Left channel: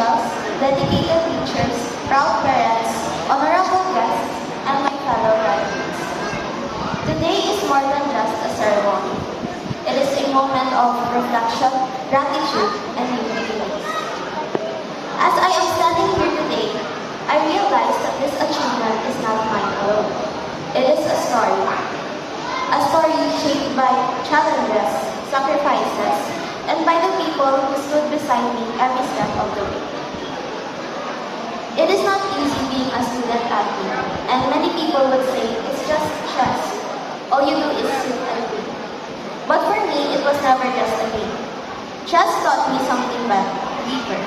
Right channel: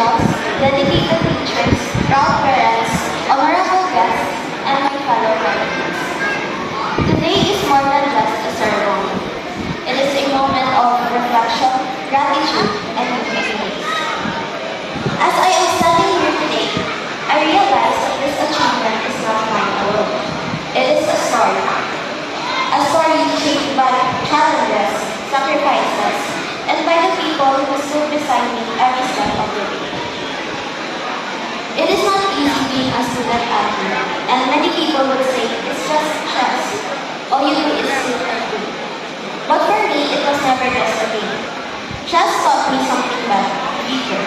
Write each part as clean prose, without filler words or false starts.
officials, dedicated teachers, proud parents, honorable guests, and my fellow graduates. Today is more than just a ceremony. It is a moment of reflection, gratitude, and unity. As I am standing here today, I realize that this achievement is not mine alone. It is a story. A story shaped by challenges, sacrifices, and by the people who stood beside me every step of the way. It is not easy being a student athlete, and many people would say it's just stress. All you do is sit and do. But for me, it was never just a game. Chess taught me something deeper,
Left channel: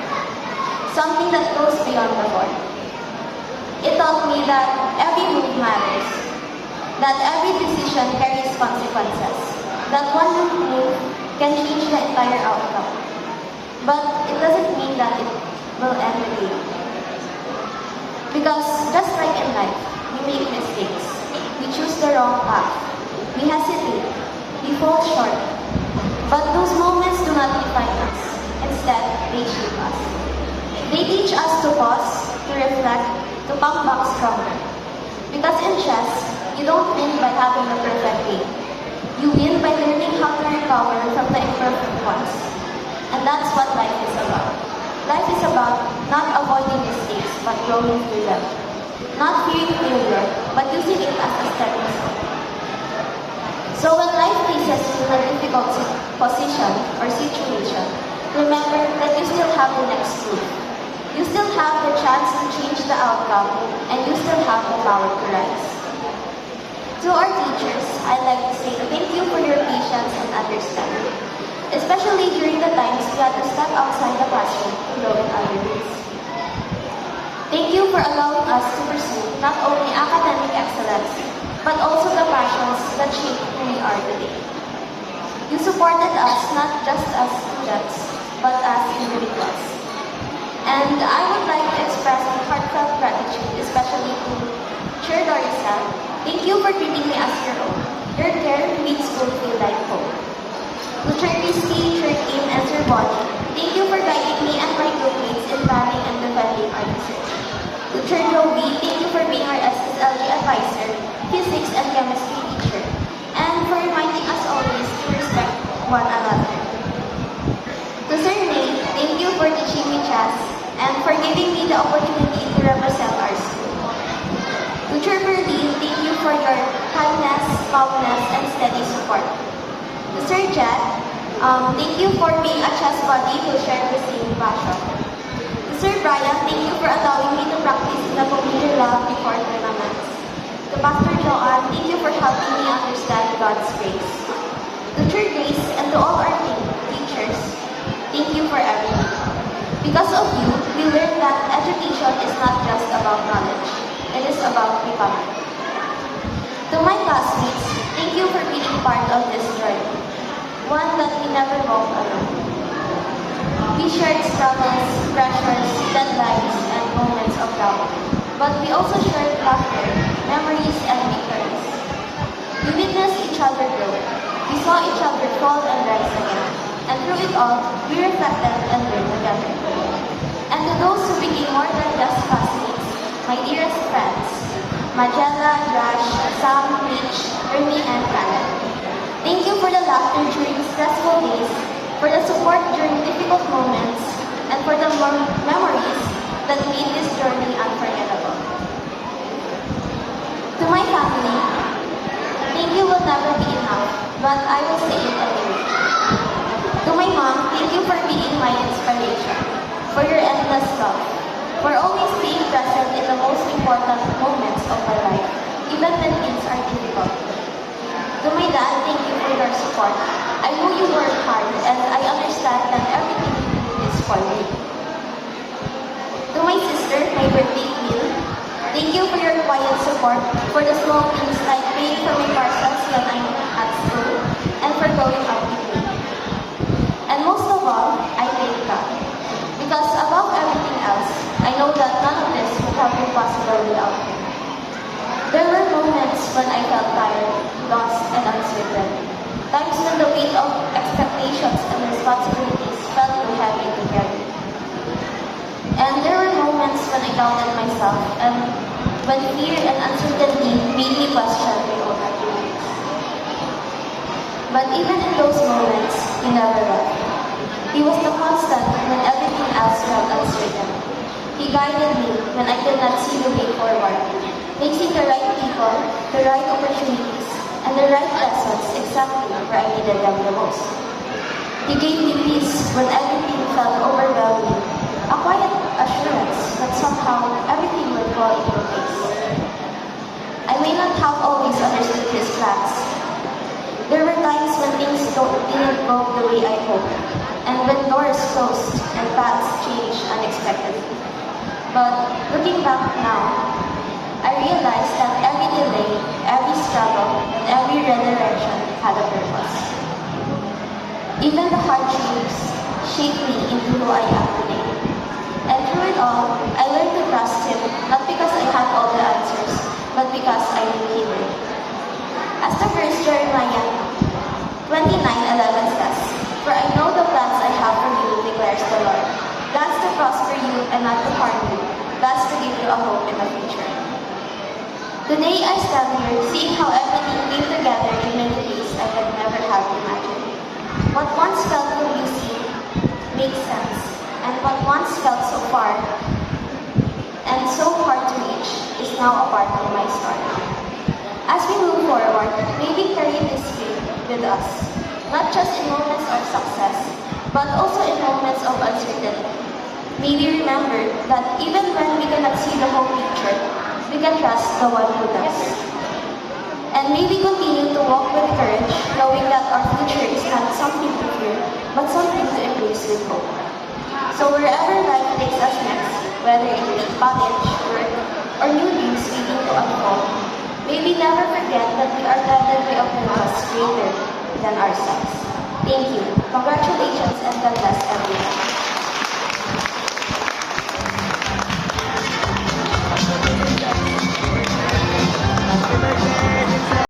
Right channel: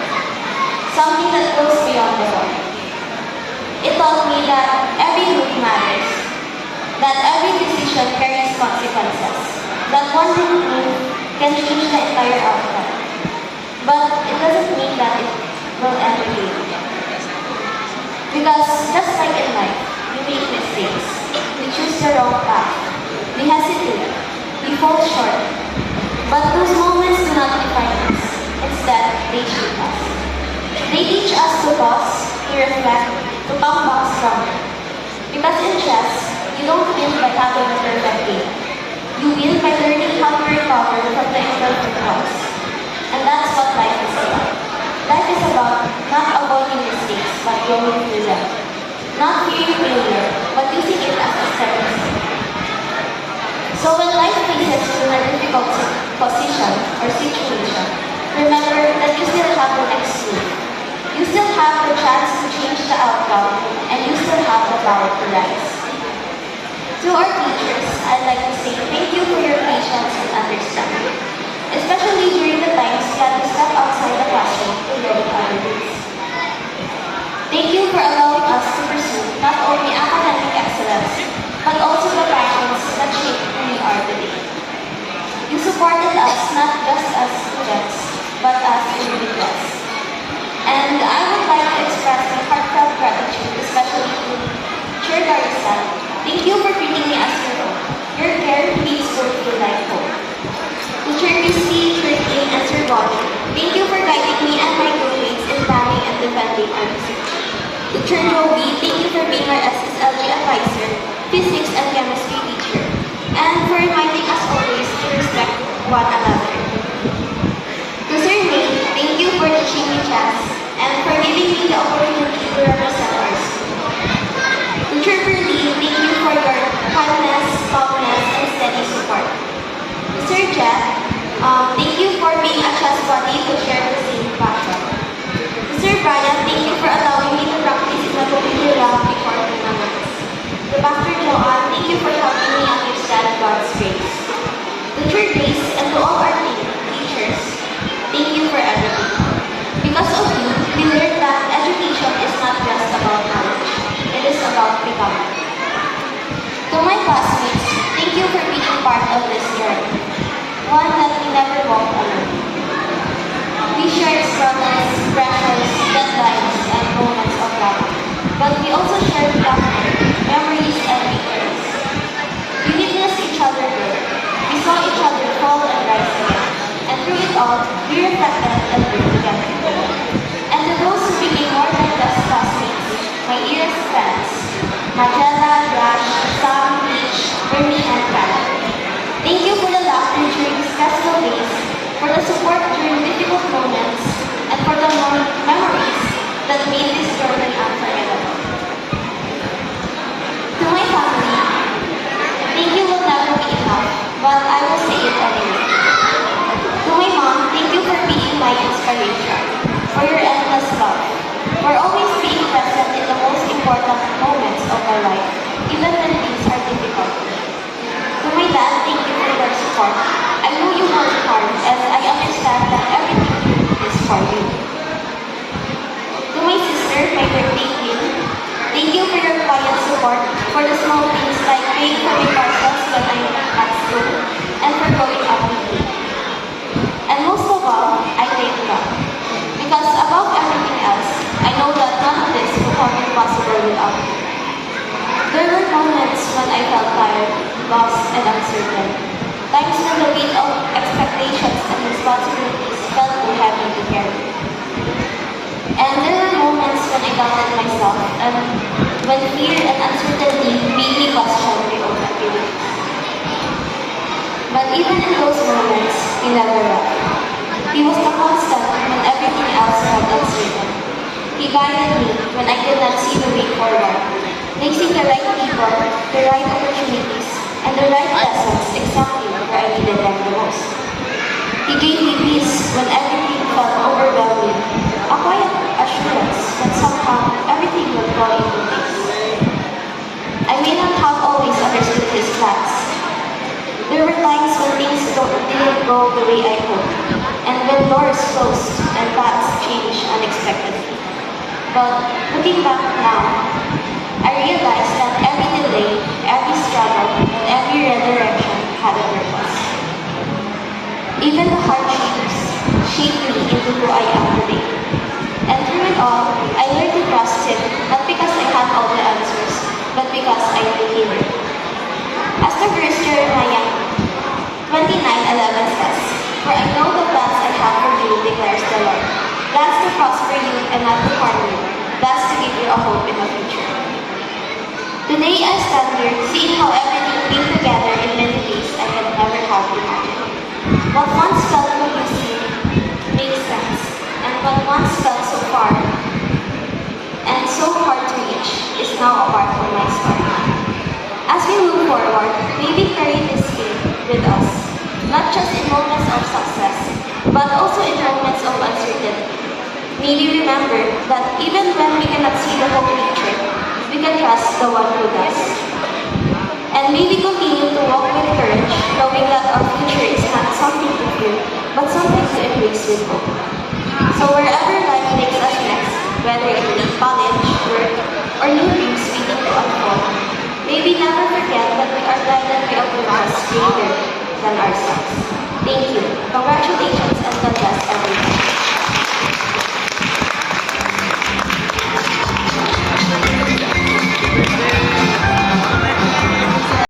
something that goes beyond the board. It taught me that every move matters, that every decision carries consequences, that one wrong move can change the entire outcome. But it doesn't mean that it will end the game. Because just like in life, we make mistakes, we choose the wrong path, we hesitate, we fall short. But those moments do not define us. Instead, they shape us. They teach us to pause, to reflect, to come back stronger. Because in chess, you don't win by having a perfect game. You win by learning how to recover from the imperfect ones. And that's what life is about. Life is about not avoiding mistakes, but growing through them. Not fearing failure, but using it as a stepping stone. So when life places you in a difficult position or situation, remember that you still have the next move. You still have the chance to change the outcome, and you still have the power to rise. To our teachers, I'd like to say thank you for your patience and understanding, especially during the times we had to step outside the classroom to learn our roots. Thank you for allowing us to pursue not only academic excellence, but also the passions that shape who we are today. You supported us not just as students, but as individuals. And I would like to express my heartfelt gratitude, especially to Chair Garrison. Thank you for treating me as your own. Your care makes school feel like home. To Chair Christy, Chair King, and Sir Bonnie, thank you for guiding me and my groupmates in planning and defending our research. To Chair Joby, thank you for being our SSLG advisor, physics and chemistry teacher, and for reminding us always to respect one another. To Sir Nate, thank you for teaching me chess and for giving me the opportunity to represent our school. To Chair Berlie, thank you for your kindness, calmness, and steady support. To Sir Jack, thank you for being a chess buddy who share the same passion. To Sir Brian, thank you for allowing me to practice in the computer lab before tournaments. To Pastor Joanne, thank you for helping me understand God's grace. To Chair Grace and to all our teachers, thank you for everything. Because of you, we learned that education is not just about knowledge. It is about becoming. To my classmates, thank you for being part of this journey. One that we never walked alone. We shared struggles, pressures, deadlines, and moments of love. But we also shared laughter, memories, and victories. We witnessed each other grow. We saw each other fall and rise again. And through it all, we reflected and learned together. And to those who became more than just classmates, my dearest friends, Magella, Josh, Sam, Peach, Ernie, and Karen. Thank you for the laughter during stressful days, for the support during difficult moments, and for the memories that made this journey unforgettable. To my family, thank you will never be enough, but I will say it anyway. To my mom, thank you for being my inspiration, for your endless love, for always being present in the most important moments of my life, even when things are difficult. To my dad, thank you for your support. I know you work hard, and I understand that everything you do is for you. To my sister, my birthday queen, thank you for your quiet support, for the small things like paying for my parcels when I'm at school, and for growing up with me. And most of all, I thank God. Because above everything else, I know that none of this would have been possible without you. There were moments when I felt tired, lost, and uncertain. Times when the weight of expectations and responsibilities felt too heavy to carry. And there were moments when I doubted myself and when fear and uncertainty made me question my own ability. But even in those moments, he never left. He was the constant when everything else felt uncertain. He guided me when I could not see the way forward, placing the right people, the right opportunities, and the right lessons exactly where I needed them the most. He gave me peace when everything felt overwhelming, a quiet assurance that somehow everything would fall into place. I may not have always understood his plans. There were times when things didn't go the way I hoped, and when doors closed and paths changed unexpectedly. But looking back now, I realized that every delay, every struggle, and every redirection had a purpose. Even the hardships shaped me into who I am today. And through it all, I learned to trust him, not because I had all the answers, but because I knew he would. As the verse Jeremiah 29:11 says, "For I know the plans I have for you, declares the Lord. Plans to prosper you and not to harm you, plans to give you a hope in the future." Today I stand here seeing how everything came together in many ways I could never have imagined. What once felt confusing makes sense, and what once felt so far and so hard to reach is now a part of my story. As we move forward, may we carry this faith with us, not just in moments of success, but also in moments of uncertainty. May we remember that even when we cannot see the whole picture, we can trust the one who does. And may we continue to walk with courage, knowing that our future is not something to fear, but something to embrace with hope. So wherever life takes us next, whether it be college, work, or new dreams waiting to unfold, may we never forget that we are guided by a purpose greater than ourselves. Thank you. Congratulations and God bless everyone.